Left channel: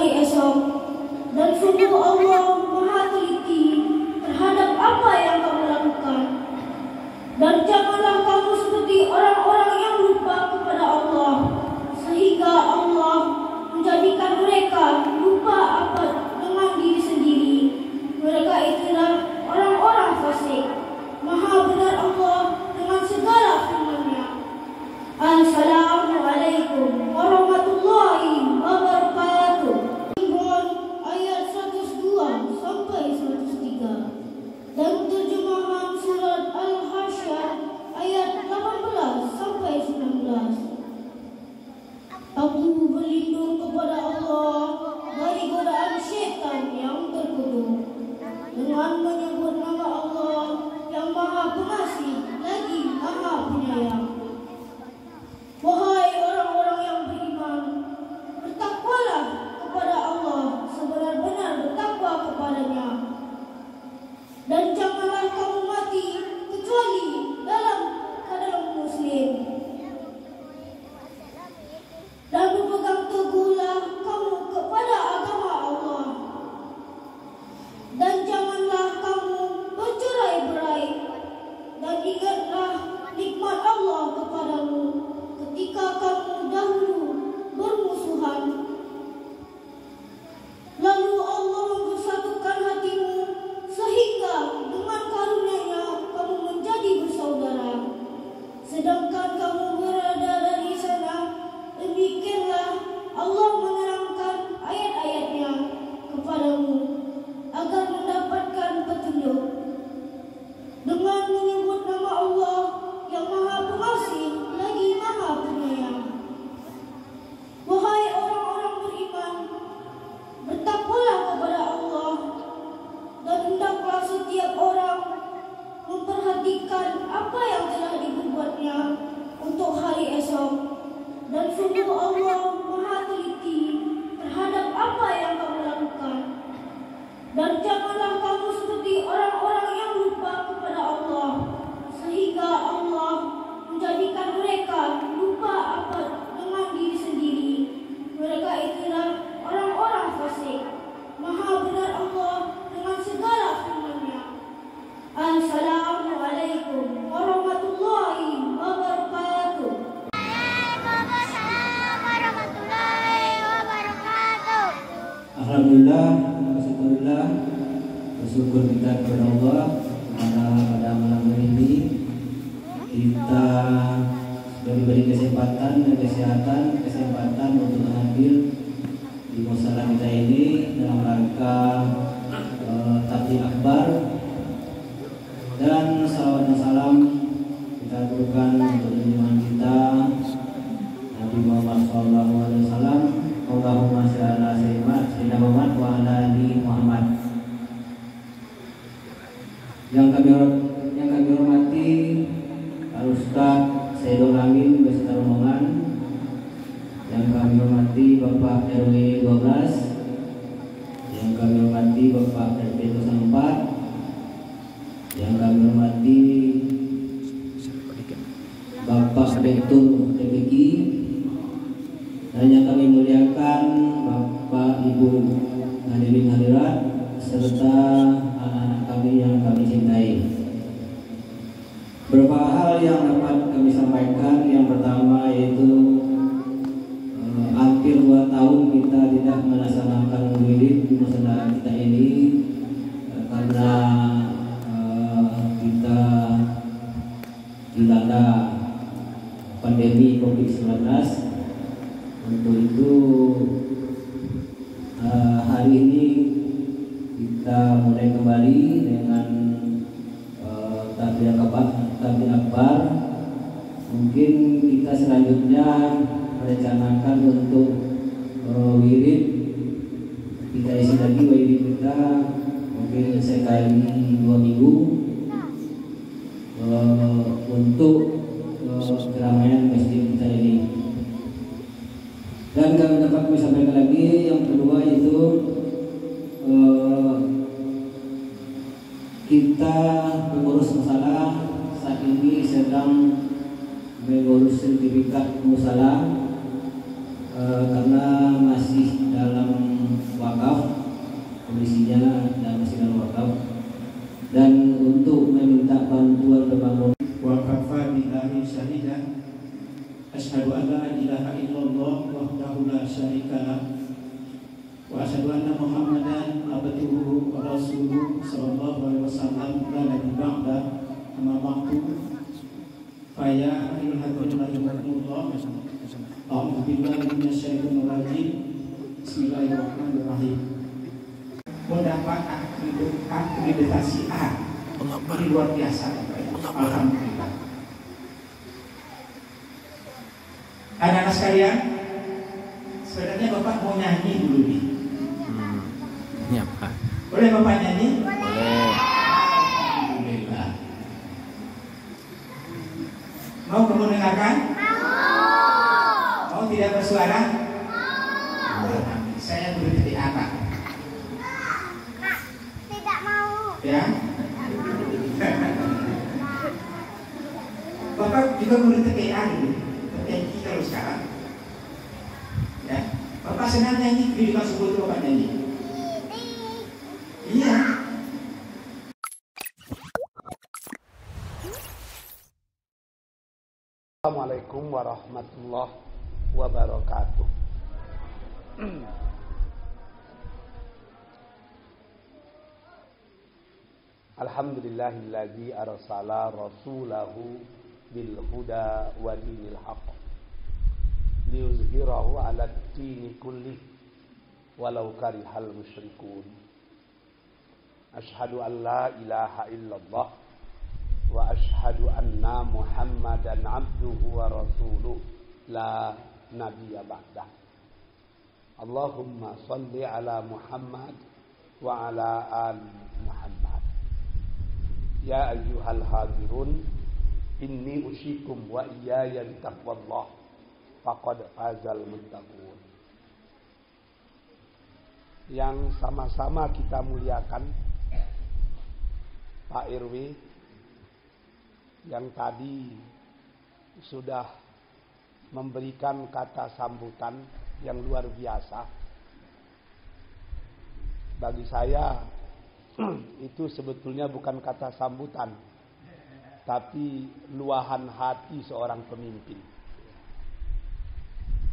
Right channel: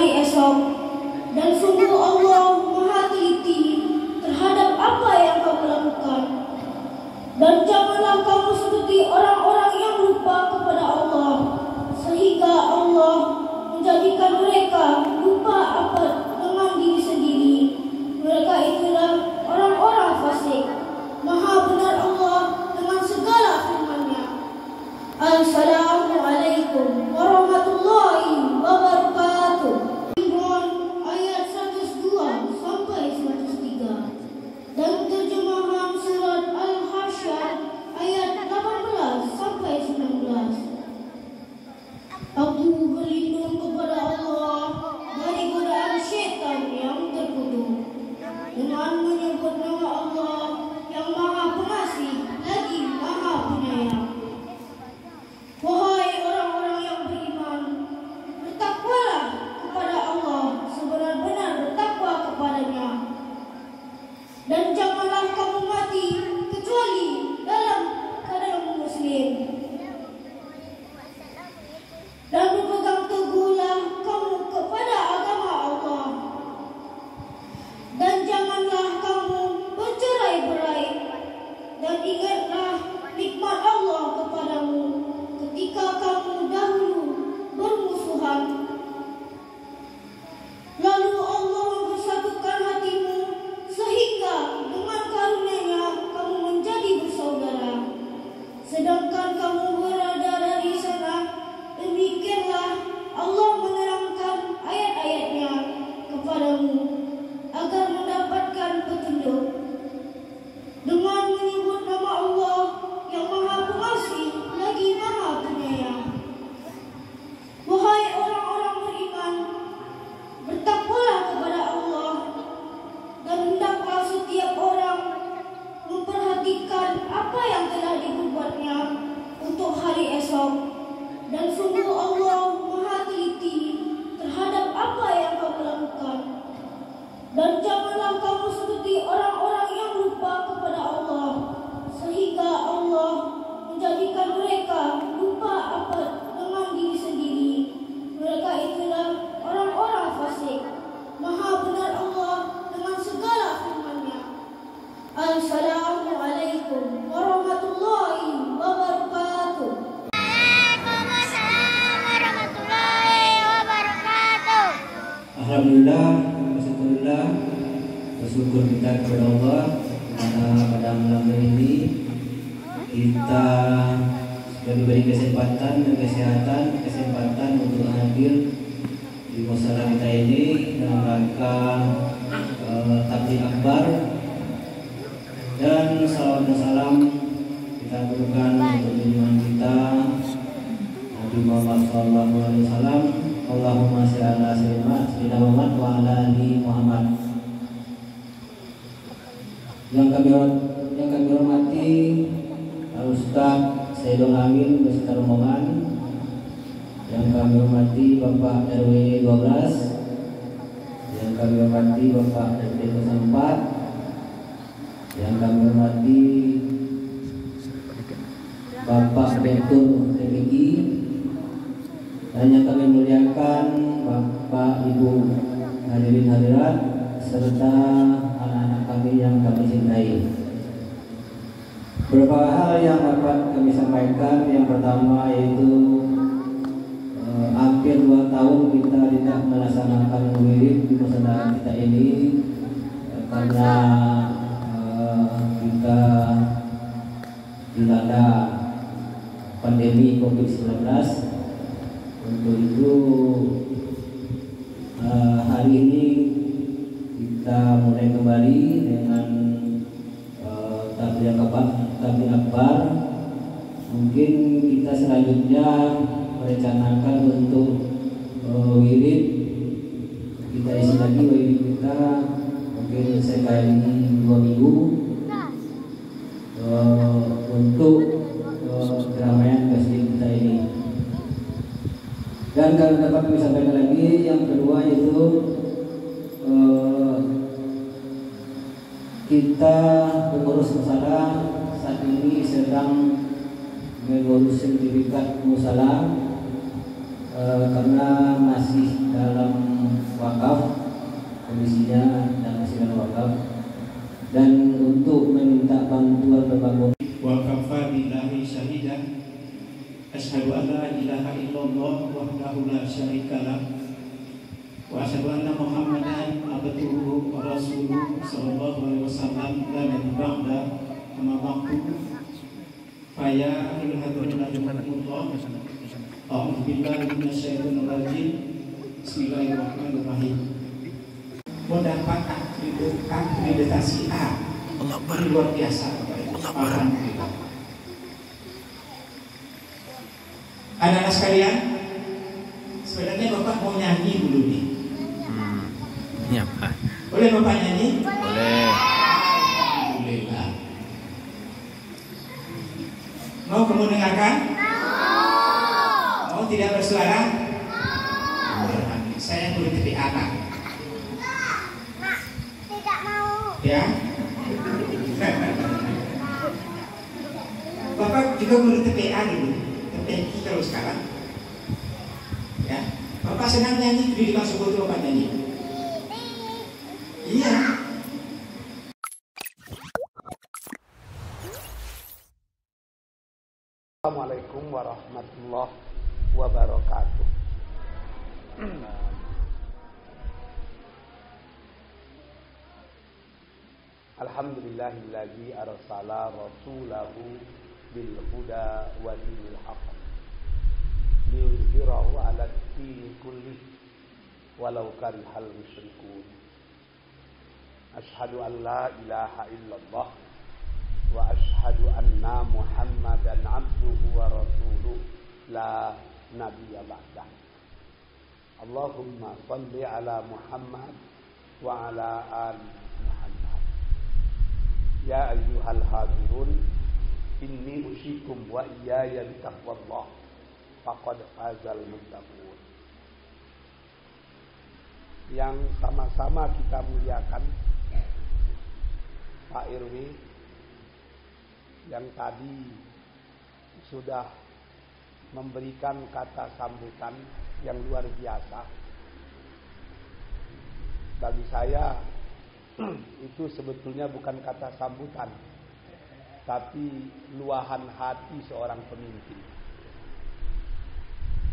hari esok. Dan sungguh Allah Maha teliti terhadap apa yang kamu lakukan. Dan janganlah kamu seperti orang-orang yang lupa kepada Allah, sehingga Allah menjadikan mereka lupa apa dengan diri sendiri. Mereka itulah orang-orang fasik. Maha benar Allah dengan segala firman-Nya. Assalamualaikum warahmatullahi wabarakatuh. Imran ayat 102 sampai 103 dan terjemahan surat Al-Hasyr ayat 18 sampai 19. Aku berlindung kepada Allah dari godaan syaitan yang terkutuk dengan menyebut nama Allah yang Maha Pengasih lagi Maha Penyayang. Wahai orang-orang yang beriman, bertakwalah kepada Allah sebenar-benar bertakwa kepadanya, dan janganlah kamu mati kecuali dalam keadaan muslim. Dan berpegang teguhlah kamu kepada agama Allah, dan janganlah kamu bercerai-berai, dan ingatlah nikmat Allah kepadamu ketika kamu dahulu bermusuhan. Lalu Allah mempersatukan hatimu sehingga dengan karunia-Nya kamu menjadi bersaudara, sedangkan kamu berada dari sana. Demikianlah Allah menerangkan ayat-ayat-Nya kepadamu agar mendapatkan petunjuk dengan menyebut nama Allah yang Maha Pengasih lagi Maha Penyayang. Wahai orang-orang beriman, bertakwalah kepada Allah, dan hendaklah setiap orang memperhatikan apa yang telah dibuatnya untuk hari esok. Dan sungguh Allah Maha teliti terhadap apa yang kamu lakukan. Dan janganlah kamu seperti orang-orang yang lupa kepada Allah, sehingga Allah menjadikan mereka lupa apa dengan diri sendiri. Mereka itulah orang-orang fasik. Maha benar Allah dengan segala firman-Nya. Assalamualaikum warahmatullahi wabarakatuh. Alhamdulillah, bersyukur kita kepada Allah pada malam ini kita sudah diberi kesempatan dan kesempatan untuk hadir di musala kita ini dalam rangka takbir akbar, dan salawat dan salam kita aturkan untuk junjungan kita Nabi Muhammad SAW. Allahumma sholli ala sayyidina Muhammad wa ala ali Muhammad. Yang kami hormati Pak Ustaz Saidul Amin beserta rombongan, yang kami hormati Bapak RW 12, yang kami hormati Bapak RW 04, yang kami hormati Bapak Direktur DPG, dan yang kami muliakan Bapak Ibu hadirin hadirat serta anak-anak kami yang kami cintai. Beberapa hal yang dapat kami sampaikan. Yang pertama yaitu hampir 2 tahun kita tidak melaksanakan wirid di musala kita ini karena kita dilanda pandemi COVID-19. Untuk itu hari ini kita mulai kembali dengan takbir akbar. Mungkin kita selanjutnya merencanakan untuk wirid kita isi lagi wirid kita mungkin sekali 2 minggu untuk keramaian masjid kita ini. Dan kalau dapat kami sampaikan lagi, yang kedua itu kita pengurus musala saat ini sedang mengurus sertifikat musala karena masih dalam komisinya dan masing wakaf, dan untuk meminta bantuan pembangunan. Wa kafa billahi syahidan asyhadu an la ilaha illallah wahdahu la syarika lah wa asyhadu anna Muhammadan abduhu wa rasuluhu sallallahu alaihi wasallam la nabiyya ba'da amma ba'du fa ya ayyuhalladzina amanu a'udzu billahi minasyaitonir rajim bismillahirrahmanirrahim. Mendapat akreditasi A ini luar biasa. Alhamdulillah. Anak-anak sekalian, sebenarnya Bapak mau nyanyi dulu nih. Iya, Pak. Boleh Bapak nyanyi? Boleh. Alhamdulillah. Mau kamu dengarkan? Mau tidak bersuara? Saya boleh jadi anak. Tidak mau. Ya. Bapak juga boleh TPA dulu, TPI kalau sekarang. Ya, Bapak senang nyanyi, jadi langsung butuh Bapak nyanyi. Iya. Assalamualaikum warahmatullahi wabarakatuh. Alhamdulillahilladzi arsala rasulahu bil huda wa dinil haqq liyuzhirahu 'ala ad-dini kullih walau karihal musyrikun. Asyhadu an la ilaha illallah wa asyhadu anna Muhammadan 'abduhu wa rasuluh la nabiyya ba'dah. Allahumma shalli 'ala Muhammad wa 'ala ali Muhammad. Ya ayyuhal hadirun, inni usikum wa iyaya bitaqwallah faqad fazal muttaqun. Yang sama-sama kita muliakan Pak RW yang tadi sudah memberikan kata sambutan yang luar biasa. Bagi saya itu sebetulnya bukan kata sambutan, tapi luahan hati seorang pemimpin.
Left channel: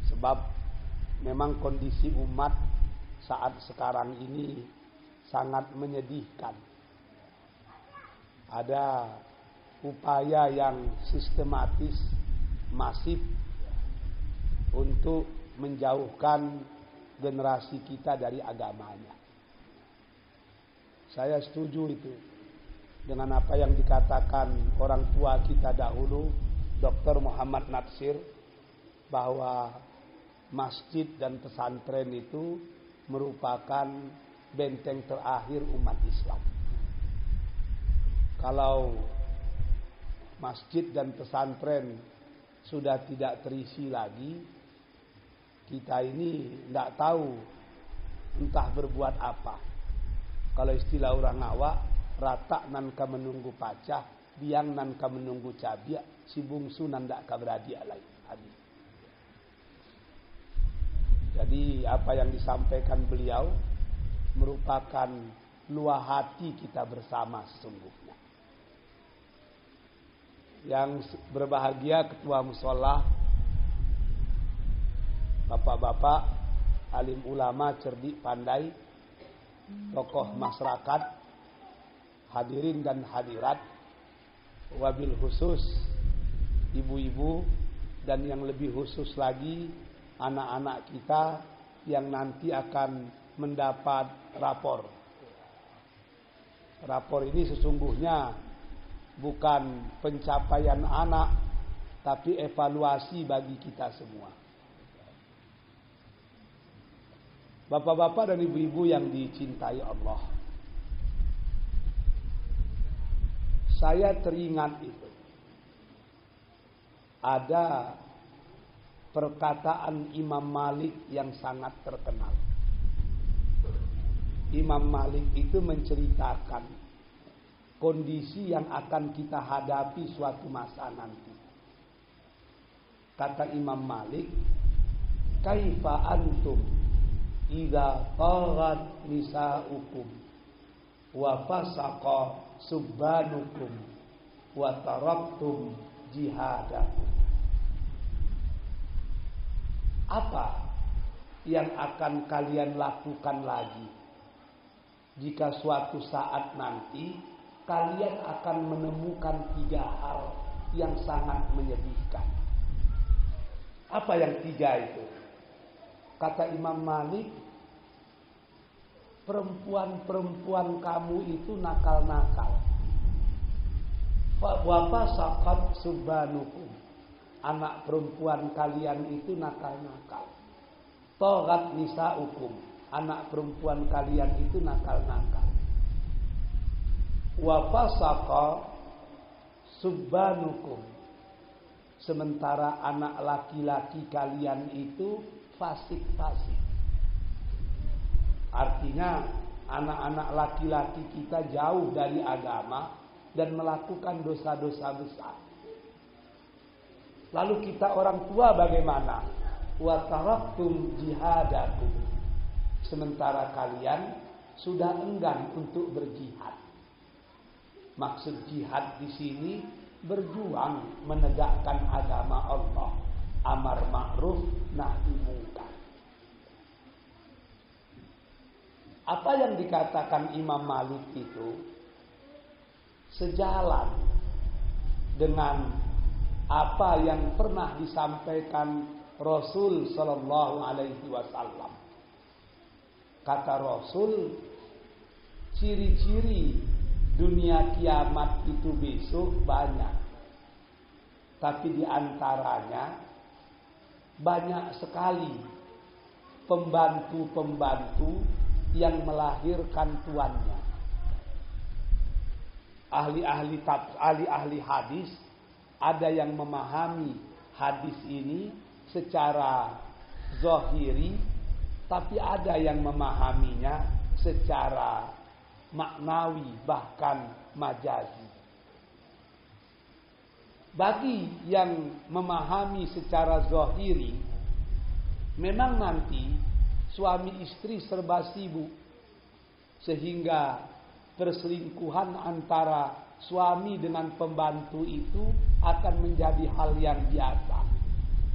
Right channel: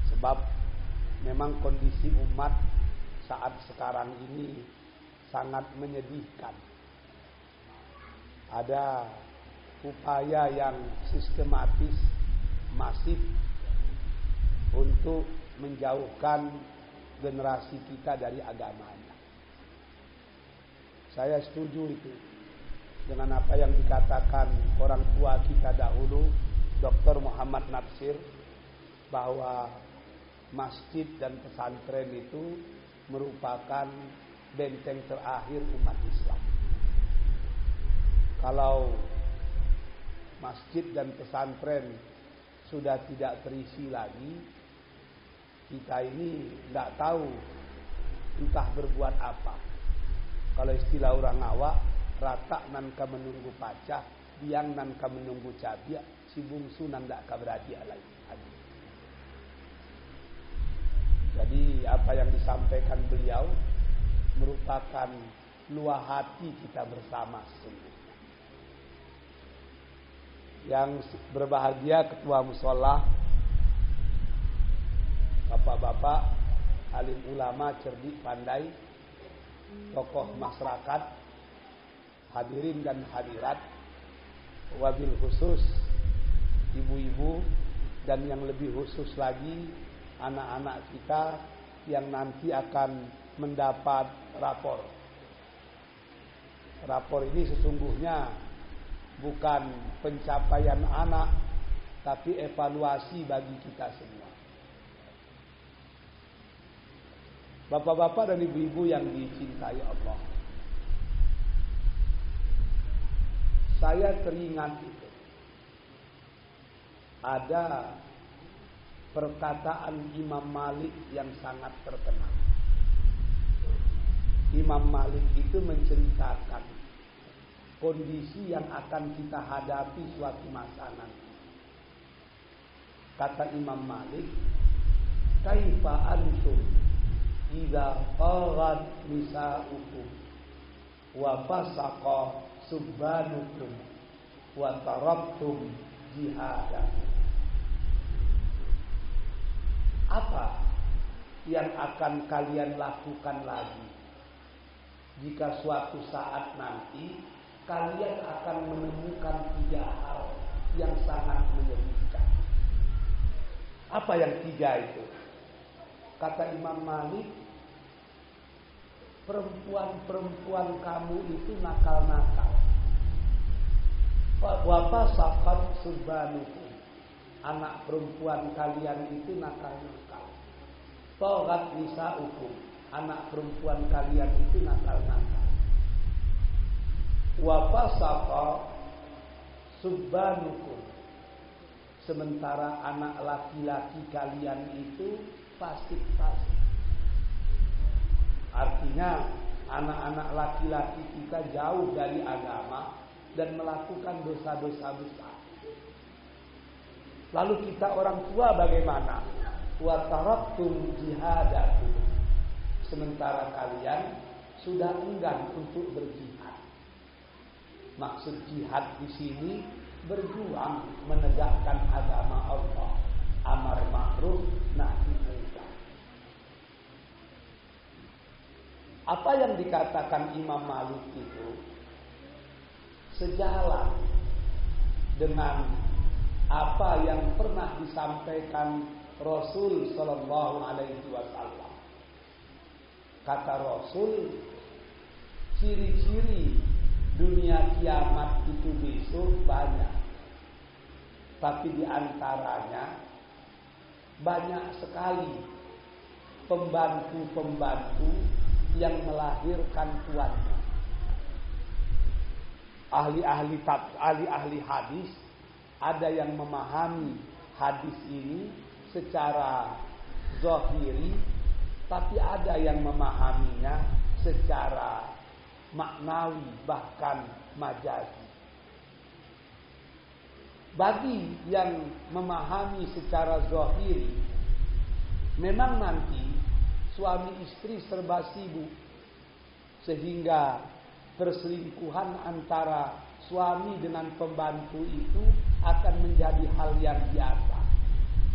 Sebab memang kondisi umat saat sekarang ini sangat menyedihkan. Ada upaya yang sistematis, masif untuk menjauhkan generasi kita dari agamanya. Saya setuju itu dengan apa yang dikatakan orang tua kita dahulu, Dr. Muhammad Natsir, bahwa masjid dan pesantren itu merupakan benteng terakhir umat Islam. Kalau masjid dan pesantren sudah tidak terisi lagi, kita ini tidak tahu entah berbuat apa. Kalau istilah orang awak, rata nan ka menunggu pacah, biang nan ka menunggu cabiak, si bungsu nan dak ka beradik lagi. Jadi apa yang disampaikan beliau merupakan luah hati kita bersama sesungguhnya. Yang berbahagia ketua mushola, bapak-bapak, alim ulama cerdik pandai, tokoh masyarakat, hadirin dan hadirat, wabil khusus ibu-ibu, dan yang lebih khusus lagi anak-anak kita yang nanti akan mendapat rapor. Rapor ini sesungguhnya bukan pencapaian anak, tapi evaluasi bagi kita semua. Bapak-bapak dan ibu-ibu yang dicintai Allah, saya teringat itu. Ada perkataan Imam Malik yang sangat terkenal. Imam Malik itu menceritakan kondisi yang akan kita hadapi suatu masa nanti. Kata Imam Malik, kaifa antum idza taghat nisaukum wa fasaqa subbanukum wa taraktum jihadakum. Apa yang akan kalian lakukan lagi jika suatu saat nanti kalian akan menemukan 3 hal yang sangat menyedihkan? Apa yang 3 itu? Kata Imam Malik, perempuan-perempuan kamu itu nakal-nakal. Wa fasaqat subbanukum, anak perempuan kalian itu nakal-nakal. Taghat nisaukum, anak perempuan kalian itu nakal-nakal. Wa fasaqa subbanukum, sementara anak laki-laki kalian itu fasik-fasik. Artinya anak-anak laki-laki kita jauh dari agama dan melakukan dosa-dosa besar. Lalu kita orang tua bagaimana? Wa taraktum jihadakum, sementara kalian sudah enggan untuk berjihad. Maksud jihad di sini berjuang menegakkan agama Allah, amar ma'ruf nahi munkar. Apa yang dikatakan Imam Malik itu sejalan dengan apa yang pernah disampaikan Rasul sallallahu alaihi wasallam. Kata Rasul, ciri-ciri dunia kiamat itu besok banyak. Tapi di antaranya banyak sekali pembantu-pembantu yang melahirkan tuannya. Ahli-ahli hadis ada yang memahami hadis ini secara zahiri, tapi ada yang memahaminya secara maknawi bahkan majazi. Bagi yang memahami secara zahiri, memang nanti suami istri serba sibuk sehingga perselingkuhan antara suami dengan pembantu itu akan menjadi hal yang biasa.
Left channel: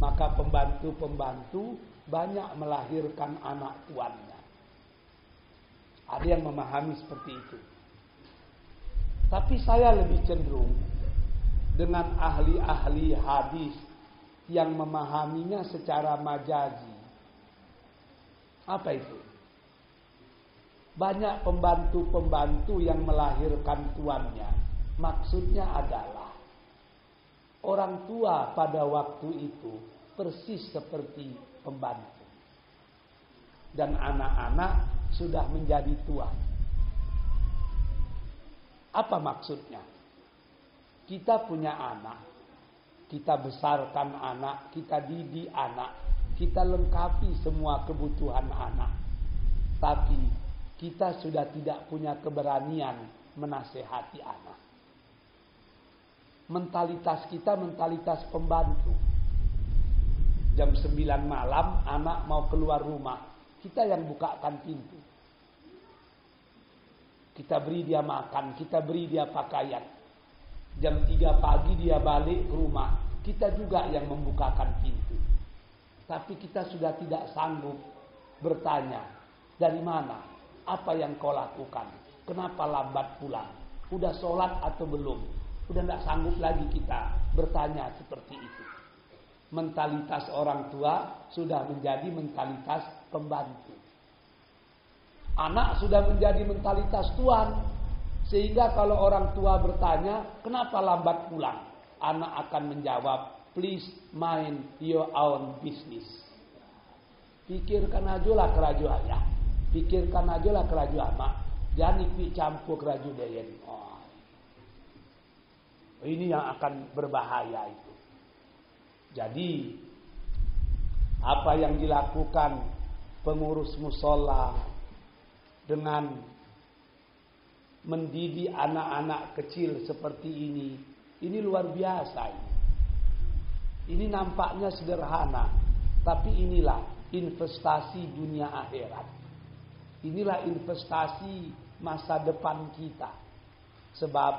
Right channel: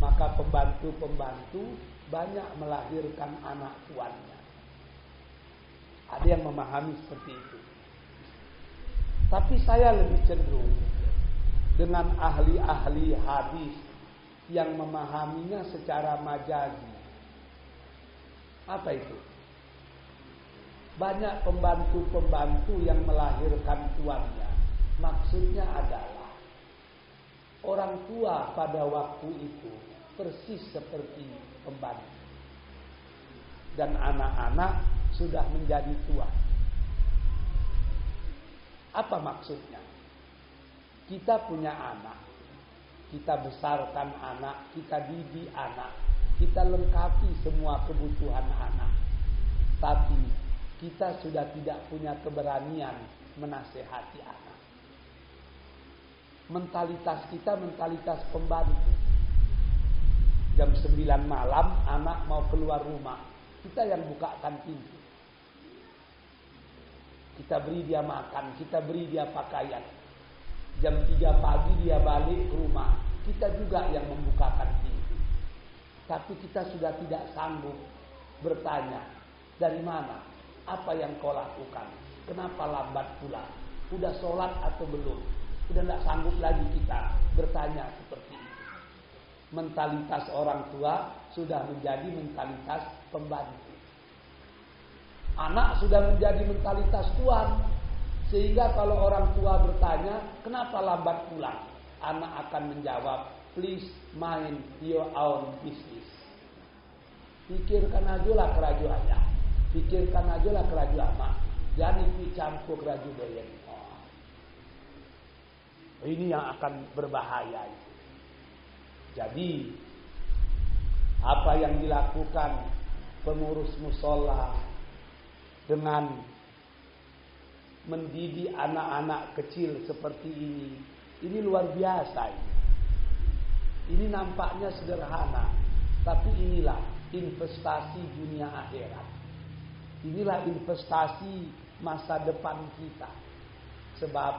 Maka pembantu-pembantu banyak melahirkan anak tuannya. Ada yang memahami seperti itu. Tapi saya lebih cenderung dengan ahli-ahli hadis yang memahaminya secara majazi. Apa itu? Banyak pembantu-pembantu yang melahirkan tuannya. Maksudnya adalah orang tua pada waktu itu persis seperti pembantu. Dan anak-anak sudah menjadi tua. Apa maksudnya? Kita punya anak, kita besarkan anak, kita didik anak, kita lengkapi semua kebutuhan anak. Tapi kita sudah tidak punya keberanian menasehati anak. Mentalitas kita mentalitas pembantu. Jam 9 malam anak mau keluar rumah, kita yang bukakan pintu. Kita beri dia makan, kita beri dia pakaian. Jam 3 pagi dia balik ke rumah, kita juga yang membukakan pintu. Tapi kita sudah tidak sanggup bertanya, dari mana? Apa yang kau lakukan? Kenapa lambat pulang? Udah sholat atau belum? Udah tidak sanggup lagi kita bertanya seperti itu. Mentalitas orang tua sudah menjadi mentalitas pembantu. Anak sudah menjadi mentalitas tuan. Sehingga kalau orang tua bertanya, kenapa lambat pulang? Anak akan menjawab, please mind your own business. Pikirkan ajalah keraju ayah. Pikirkan ajalah keraju amak. Jangan ikut campur keraju bayan. Oh. Ini yang akan berbahaya itu. Jadi, apa yang dilakukan pengurus musola dengan mendidik anak-anak kecil seperti ini luar biasa ini. Ini nampaknya sederhana, Tapi inilah investasi dunia akhirat. Inilah investasi masa depan kita. Sebab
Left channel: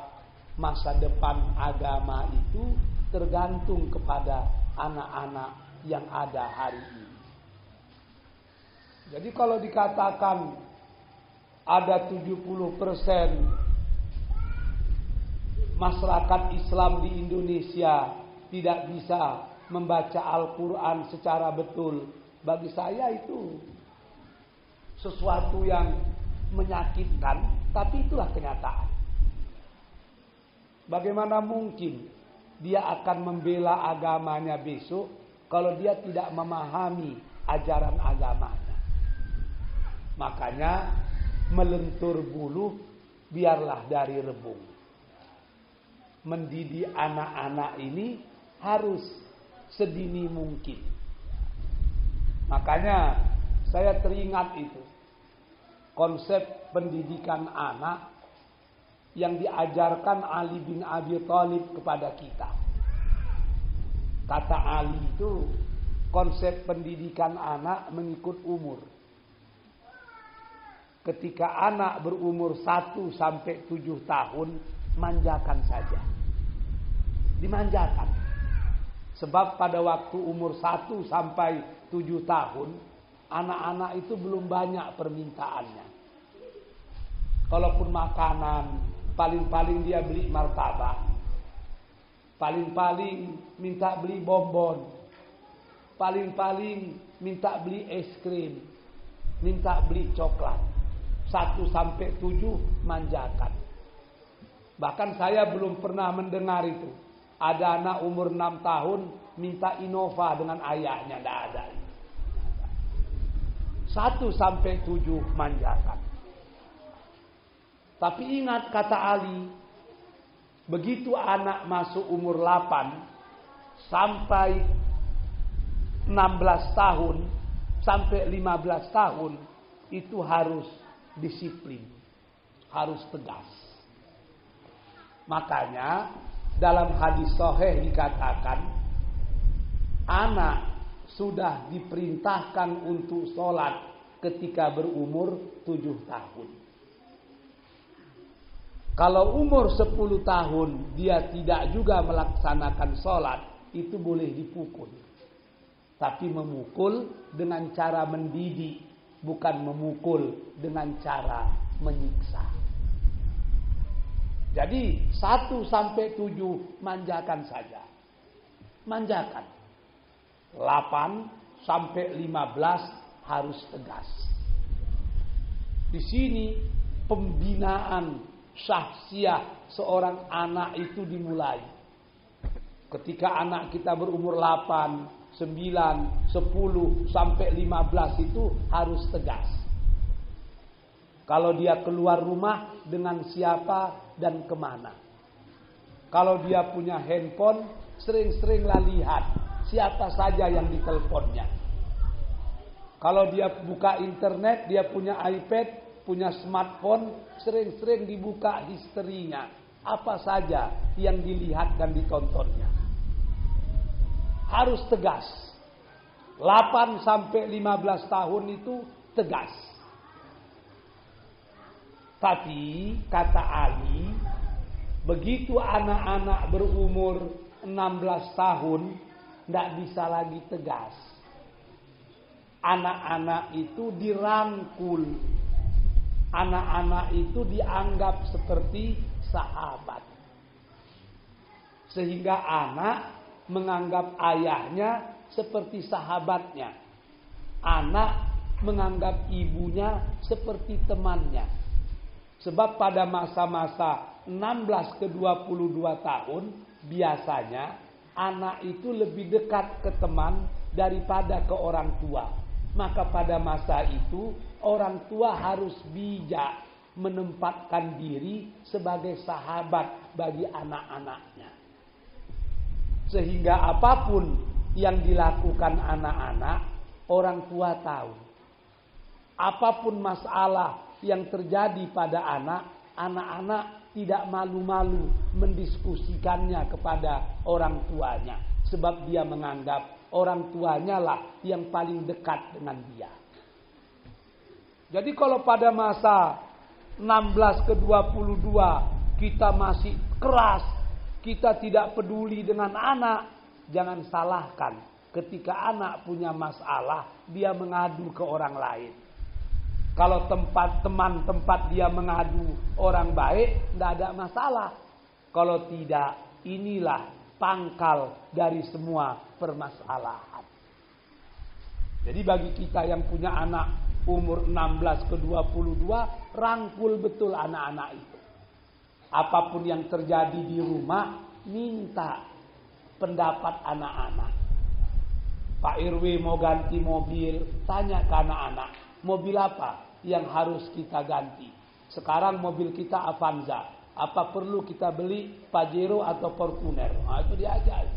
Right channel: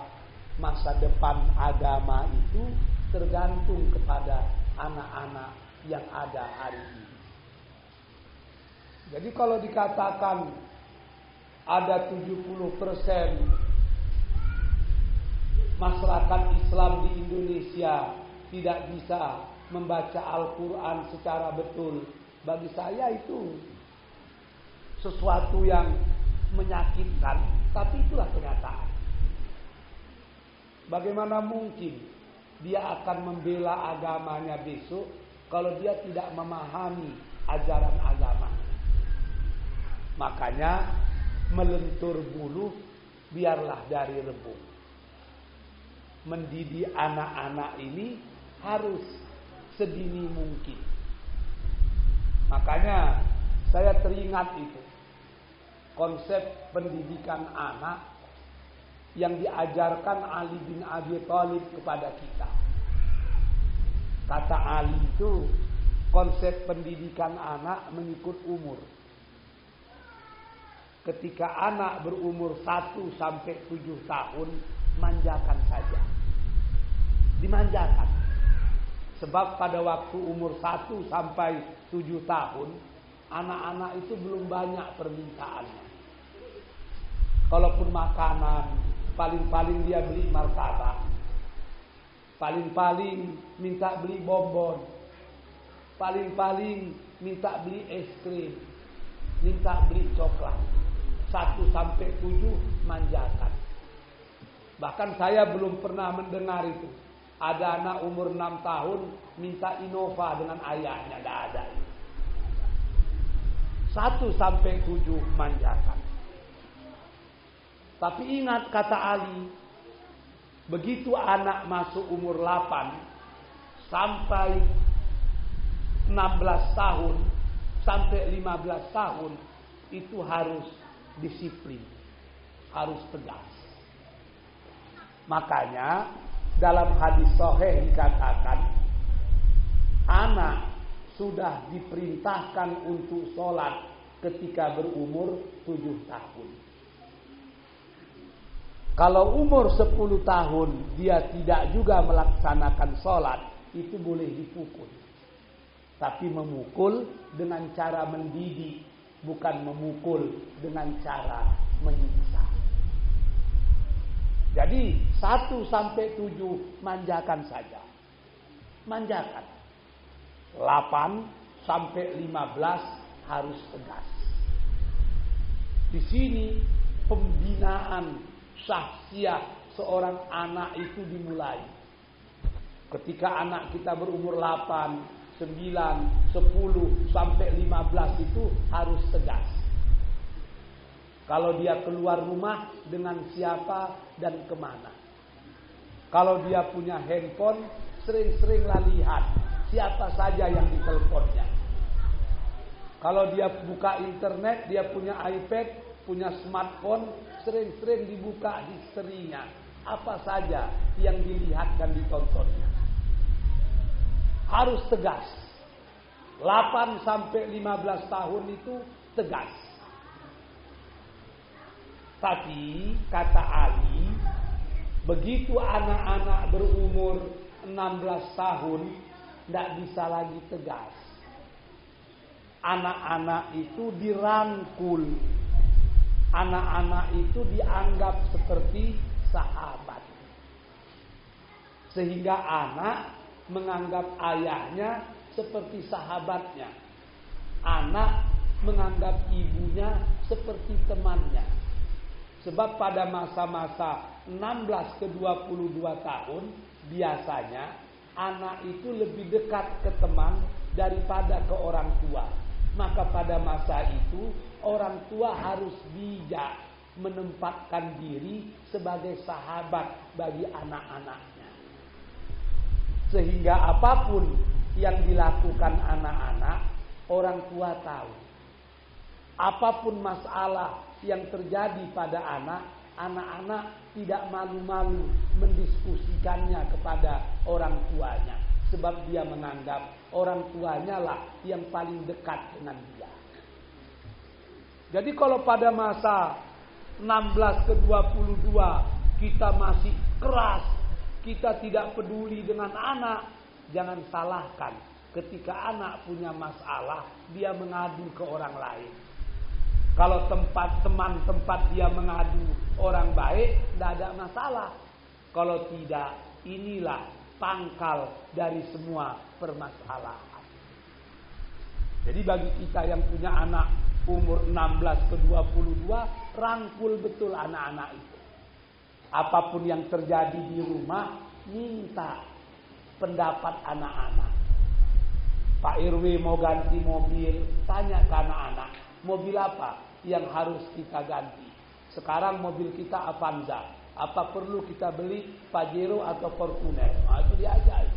masa depan agama itu tergantung kepada anak-anak yang ada hari ini. Jadi kalau dikatakan ada 70% masyarakat Islam di Indonesia tidak bisa membaca Al-Quran secara betul, bagi saya itu sesuatu yang menyakitkan, tapi itulah kenyataan. Bagaimana mungkin dia akan membela agamanya besok kalau dia tidak memahami ajaran agamanya? Makanya melentur bulu biarlah dari rebung. Mendidik anak-anak ini harus sedini mungkin. Makanya saya teringat itu konsep pendidikan anak yang diajarkan Ali bin Abi Thalib kepada kita. Kata Ali itu konsep pendidikan anak mengikut umur. Ketika anak berumur 1 sampai 7 tahun, manjakan saja. Dimanjakan. Sebab pada waktu umur 1 sampai 7 tahun, anak-anak itu belum banyak permintaannya. Kalaupun makanan, paling-paling dia beli martabak. Paling-paling minta beli bonbon. Paling-paling minta beli es krim. Minta beli coklat. 1 sampai 7 manjakan. Bahkan saya belum pernah mendengar itu. Ada anak umur 6 tahun minta Innova dengan ayahnya. Tidak ada. 1 sampai 7 manjakan. Tapi ingat kata Ali, begitu anak masuk umur 8 sampai 16 tahun sampai 15 tahun itu harus disiplin, harus tegas. Makanya dalam hadis sahih dikatakan anak sudah diperintahkan untuk sholat ketika berumur 7 tahun. Kalau umur 10 tahun dia tidak juga melaksanakan sholat, itu boleh dipukul. Tapi memukul dengan cara mendidik, bukan memukul dengan cara menyiksa. Jadi 1 sampai 7 manjakan saja. Manjakan. 8 sampai 15 harus tegas. Di sini pembinaan syahsiah seorang anak itu dimulai. Ketika anak kita berumur 8, 9, 10 sampai 15 itu harus tegas. Kalau dia keluar rumah dengan siapa dan kemana. Kalau dia punya handphone, sering-seringlah lihat siapa saja yang diteleponnya. Kalau dia buka internet, dia punya iPad, punya smartphone, sering-sering dibuka historinya. Apa saja yang dilihat dan ditontonnya. Harus tegas. 8 sampai 15 tahun itu tegas. Tapi kata Ali, begitu anak-anak berumur 16 tahun, tidak bisa lagi tegas. Anak-anak itu dirangkul. Anak-anak itu dianggap seperti sahabat. Sehingga anak menganggap ayahnya seperti sahabatnya. Anak menganggap ibunya seperti temannya. Sebab pada masa-masa 16 ke 22 tahun, biasanya anak itu lebih dekat ke teman daripada ke orang tua. Maka pada masa itu, orang tua harus bijak menempatkan diri sebagai sahabat bagi anak-anaknya. Sehingga apapun yang dilakukan anak-anak, orang tua tahu. Apapun masalah yang terjadi pada anak-anak tidak malu-malu mendiskusikannya kepada orang tuanya. Sebab dia menganggap orang tuanya lah yang paling dekat dengan dia. Jadi kalau pada masa 16 ke 22 kita masih keras, kita tidak peduli dengan anak, jangan salahkan ketika anak punya masalah dia mengadu ke orang lain. Kalau teman tempat dia mengadu orang baik, tidak ada masalah. Kalau tidak, inilah pangkal dari semua permasalahan. Jadi bagi kita yang punya anak umur 16 ke 22, rangkul betul anak-anak itu. Apapun yang terjadi di rumah, minta pendapat anak-anak. Pak RW mau ganti mobil, tanya ke anak-anak, mobil apa yang harus kita ganti? Sekarang mobil kita Avanza, apa perlu kita beli Pajero atau Fortuner? Nah, itu diajar.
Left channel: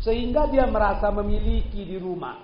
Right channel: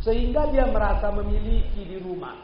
Sehingga dia merasa memiliki di rumah,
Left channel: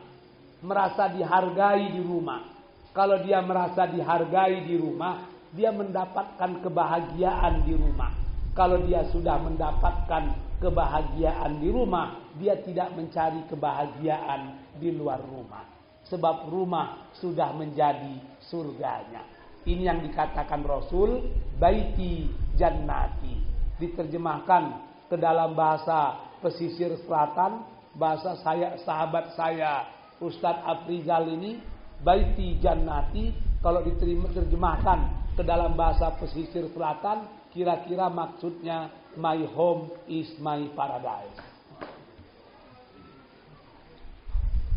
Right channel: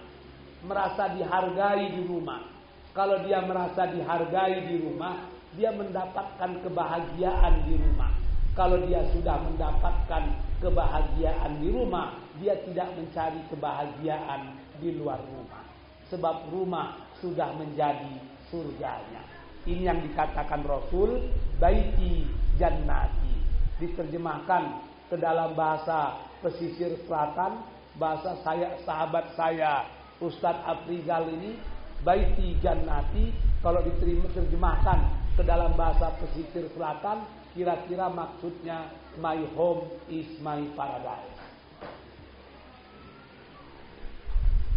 merasa dihargai di rumah. Kalau dia merasa dihargai di rumah, dia mendapatkan kebahagiaan di rumah. Kalau dia sudah mendapatkan kebahagiaan di rumah, dia tidak mencari kebahagiaan di luar rumah. Sebab rumah sudah menjadi surganya. Ini yang dikatakan Rasul, baiti jannati. Diterjemahkan ke dalam bahasa pesisir selatan, bahasa sahabat saya Ustadz Afrizal ini, baiti jannati. Kalau diterjemahkan ke dalam bahasa pesisir selatan, kira-kira maksudnya my home is my paradise.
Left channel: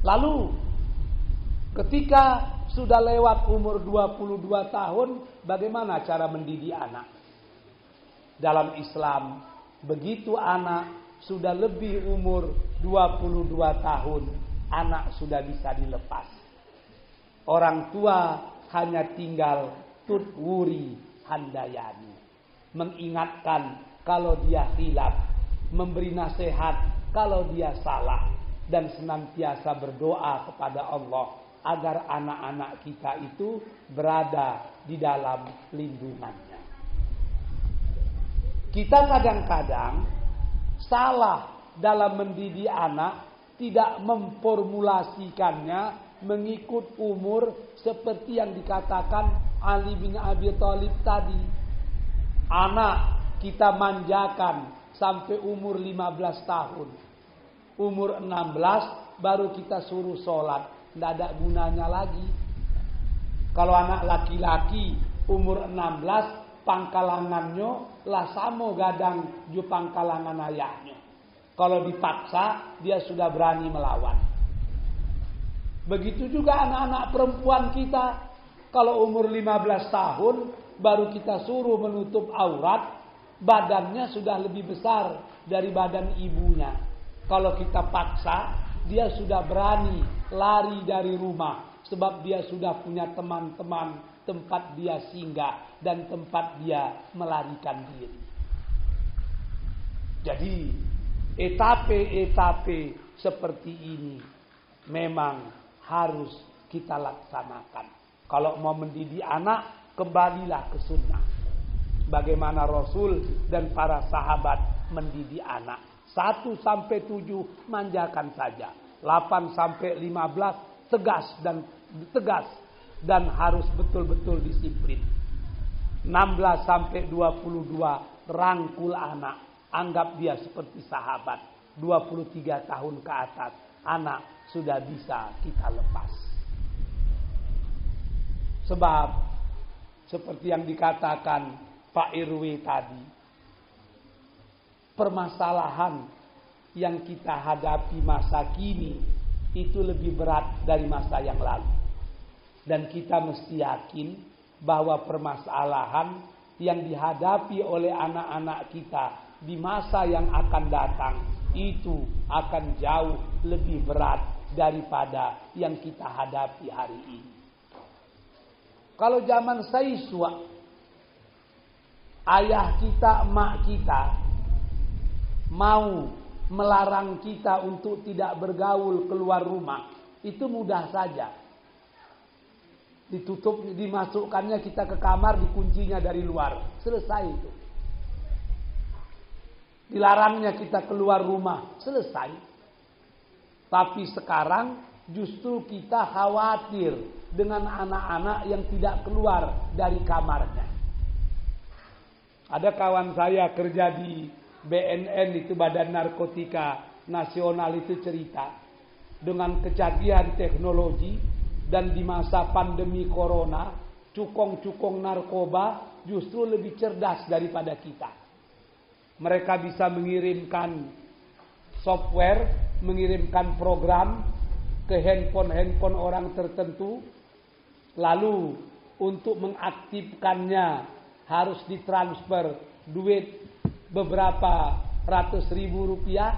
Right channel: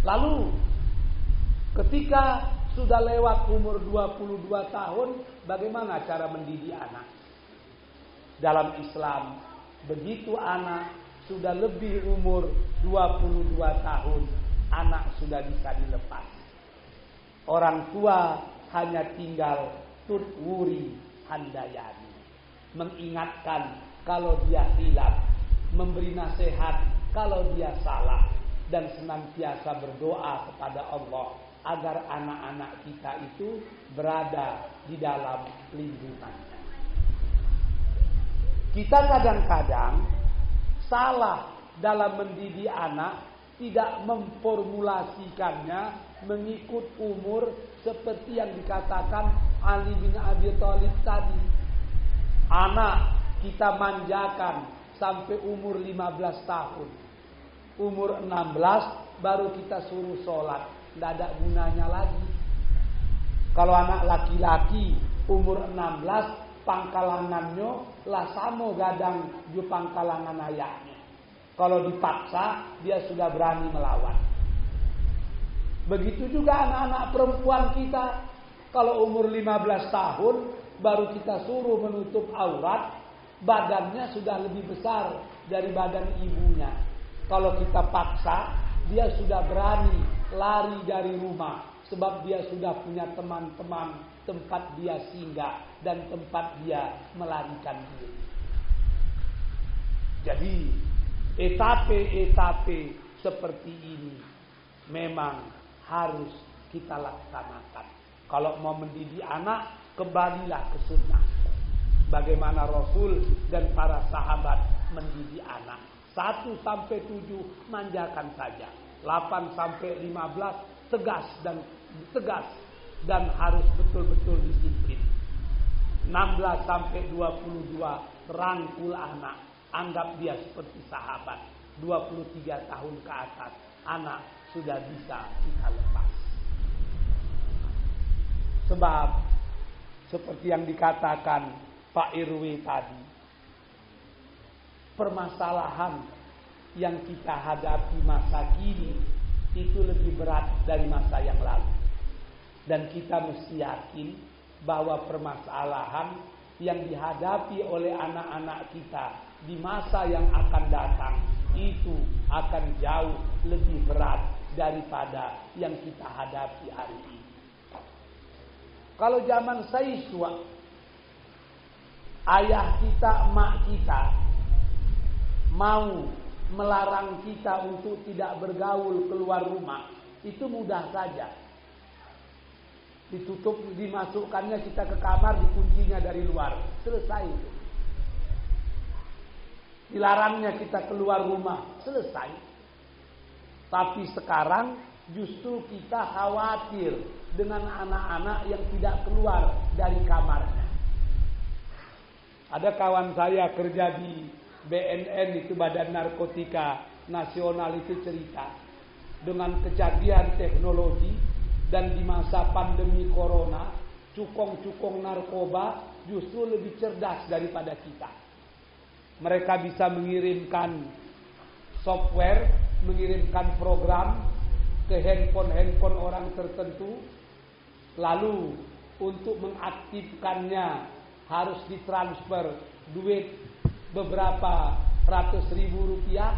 Lalu ketika sudah lewat umur 22 tahun, bagaimana cara mendidik anak? Dalam Islam, begitu anak sudah lebih umur 22 tahun, anak sudah bisa dilepas. Orang tua hanya tinggal tutwuri handayani, mengingatkan kalau dia hilaf, memberi nasihat kalau dia salah, dan senantiasa berdoa kepada Allah agar anak-anak kita itu berada di dalam lindungannya. Kita kadang-kadang salah dalam mendidik anak, tidak memformulasikannya mengikut umur seperti yang dikatakan Ali bin Abi Thalib tadi. Anak kita manjakan sampai umur 15 tahun. Umur 16 baru kita suruh sholat. Tidak ada gunanya lagi. Kalau anak laki-laki umur 16, pangkalangannya lah samo gadang ju pangkalangan ayahnya. Kalau dipaksa, dia sudah berani melawan. Begitu juga anak-anak perempuan kita. Kalau umur 15 tahun, baru kita suruh menutup aurat, badannya sudah lebih besar dari badan ibunya. Kalau kita paksa, dia sudah berani lari dari rumah. Sebab dia sudah punya teman-teman, tempat dia singgah, dan tempat dia melarikan diri. Jadi, etape-etape seperti ini memang harus kita laksanakan. Kalau mau mendidik anak, kembalilah ke sunnah. Bagaimana Rasul dan para sahabat mendidik anak. 1-7 manjakan saja. 8-15 tegas dan harus betul-betul disiplin. 16-22 rangkul anak. Anggap dia seperti sahabat. 23 tahun ke atas, anak sudah bisa kita lepas. Sebab seperti yang dikatakan Pak RW tadi, permasalahan yang kita hadapi masa kini itu lebih berat dari masa yang lalu. Dan kita mesti yakin bahwa permasalahan yang dihadapi oleh anak-anak kita di masa yang akan datang itu akan jauh lebih berat daripada yang kita hadapi hari ini. Kalau zaman Saiswa, ayah kita, emak kita mau melarang kita untuk tidak bergaul keluar rumah, itu mudah saja. Ditutup, dimasukkannya kita ke kamar, dikuncinya dari luar, selesai itu. Dilarangnya kita keluar rumah, selesai. Tapi sekarang justru kita khawatir dengan anak-anak yang tidak keluar dari kamarnya. Ada kawan saya kerja di BNN, itu Badan Narkotika Nasional, itu cerita dengan kecanggihan teknologi dan di masa pandemi corona, cukong-cukong narkoba justru lebih cerdas daripada kita. Mereka bisa mengirimkan software, mengirimkan program ke handphone orang tertentu, lalu untuk mengaktifkannya harus ditransfer duit beberapa ratus ribu rupiah.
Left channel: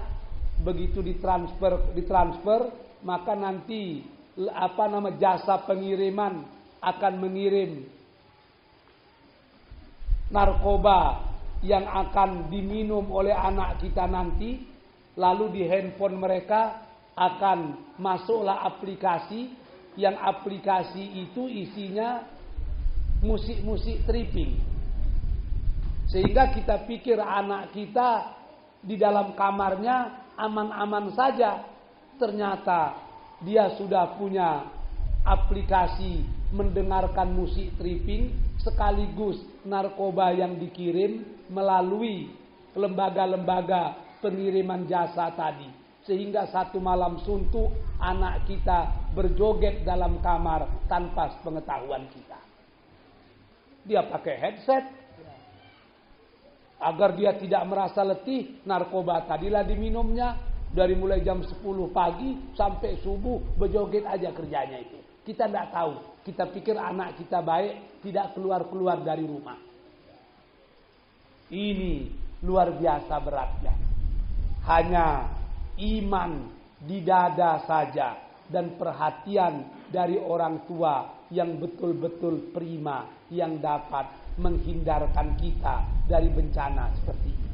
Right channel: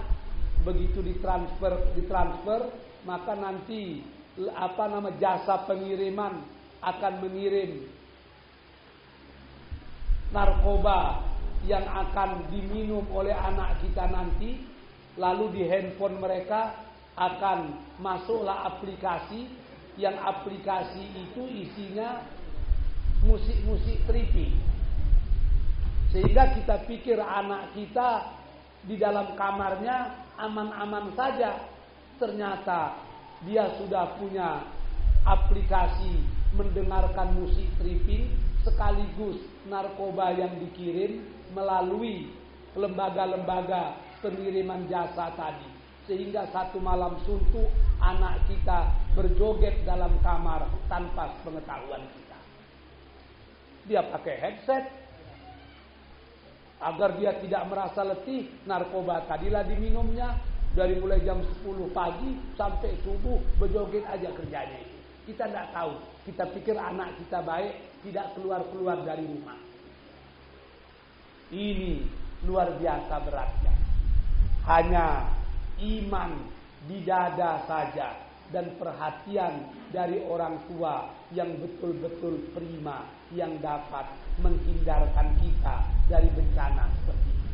Begitu ditransfer, maka nanti jasa pengiriman akan mengirim narkoba yang akan diminum oleh anak kita nanti. Lalu di handphone mereka akan masuklah aplikasi, yang aplikasi itu isinya musik-musik tripping. Sehingga kita pikir anak kita di dalam kamarnya aman-aman saja. Ternyata dia sudah punya aplikasi mendengarkan musik tripping sekaligus narkoba yang dikirim melalui lembaga-lembaga pengiriman jasa tadi. Sehingga satu malam suntuk anak kita berjoget dalam kamar tanpa pengetahuan kita. Dia pakai headset agar dia tidak merasa letih. Narkoba tadilah diminumnya. Dari mulai jam 10 pagi sampai subuh berjoget aja kerjanya itu. Kita tidak tahu. Kita pikir anak kita baik, tidak keluar-keluar dari rumah. Ini luar biasa beratnya. Hanya iman di dada saja dan perhatian dari orang tua yang betul-betul prima yang dapat menghindarkan kita dari bencana seperti ini.